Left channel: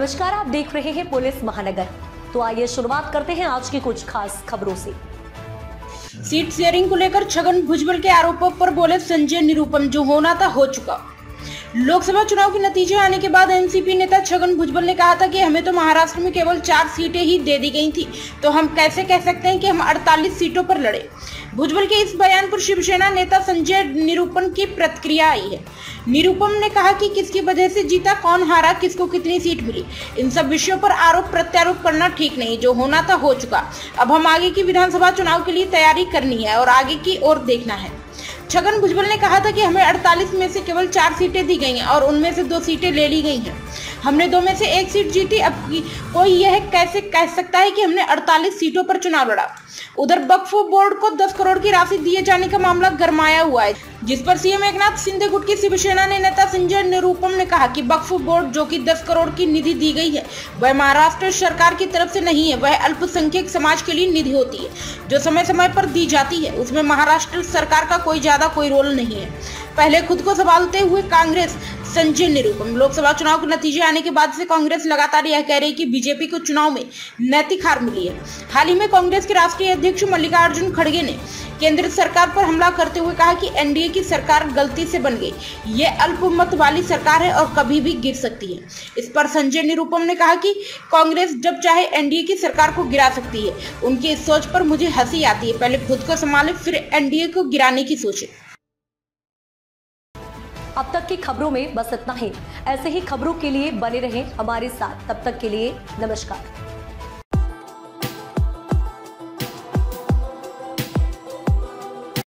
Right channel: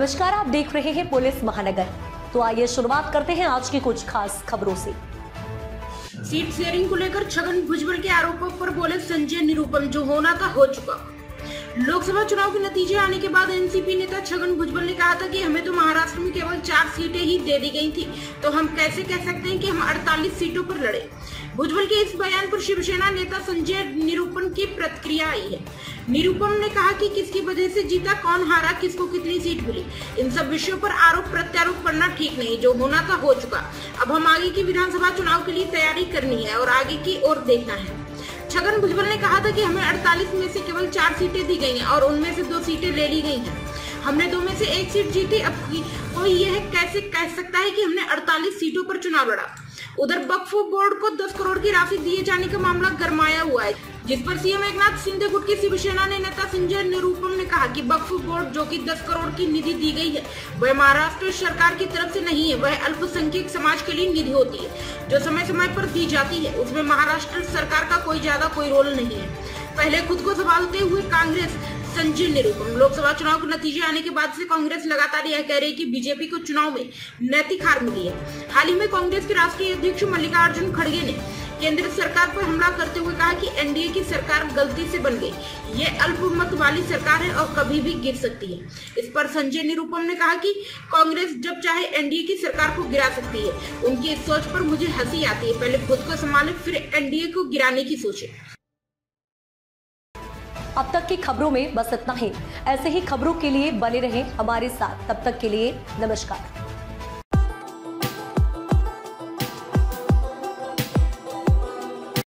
नमस्कार, आप देख रहे हैं पुलिस महानगर। तो आइए शुरुआत करते हैं आज की कुछ खास खबरों से। सीट शेयरिंग को लेकर छगन भुजबल के आरोपों पर बोले संजय निरुपम, जो होना था हो चुका। लोकसभा चुनाव के नतीजे आने के बाद एनसीपी नेता छगन भुजबल ने कहा था कि हमें तो महाराष्ट्र में केवल 4 सीटें ही दे दी गई थी, तो हम कैसे कह सकते हैं कि हम 48 सीटों पर लड़े। भुजबल के इस बयान पर शिवसेना नेता संजय निरुपम की प्रतिक्रिया आई है। निरुपम ने कहा कि किसकी वजह से जीता, कौन हारा, किसको कितनी सीट मिली, इन सब विषयों पर आरोप प्रत्यारोप करना ठीक नहीं। जो होना था हो चुका। अब हम आगे की विधानसभा चुनाव के लिए तैयारी करनी है और आगे की ओर देखना है। छगन भुजबल ने कहा था कि हमें 48 में से केवल 4 सीटें दी गई हैं और उनमें से 2 सीटें ले ली गई हैं। हमने 2 में से 1 सीट जीती। अब कोई यह कैसे कह सकता है कि हमने 48 सीटों पर चुनाव लड़ा। उधर वक्फ बोर्ड को 10 करोड़ की राशि दिए जाने का मामला गरमाया हुआ है, जिस पर सीएम एकनाथ शिंदे गुट की शिवसेना ने नेता संजय निरुपम ने कहा कि वक्फ बोर्ड जो कि 10 करोड़ की निधि दी गई है, वह महाराष्ट्र सरकार की तरफ से नहीं है। वह अल्पसंख्यक समाज के लिए निधि होती है, जो समय समय पर दी जाती है। उसमें महाराष्ट्र सरकार का कोई रोल नहीं है। पहले खुद को संभालते हुए कांग्रेस। संजय निरुपम। लोकसभा चुनाव के नतीजे आने के बाद से कांग्रेस लगातार यह कह रही है कि बीजेपी को चुनाव में नैतिक हार मिली है। हाल ही में कांग्रेस के राष्ट्रीय अध्यक्ष मल्लिकार्जुन खड़गे ने केंद्र सरकार पर हमला करते हुए कहा कि एनडीए की सरकार गलती से बन गई। ये अल्पमत वाली सरकार है और कभी भी गिर सकती है। इस पर संजय निरुपम ने कहा कि कांग्रेस जब चाहे एनडीए की सरकार को गिरा सकती है। उनकी इस सोच पर मुझे हंसी आती है। पहले खुद को संभाले, फिर एनडीए को गिराने की सोचे। अब तक की खबरों में बस इतना ही। ऐसे ही खबरों के लिए बने रहें हमारे साथ। तब तक के लिए नमस्कार।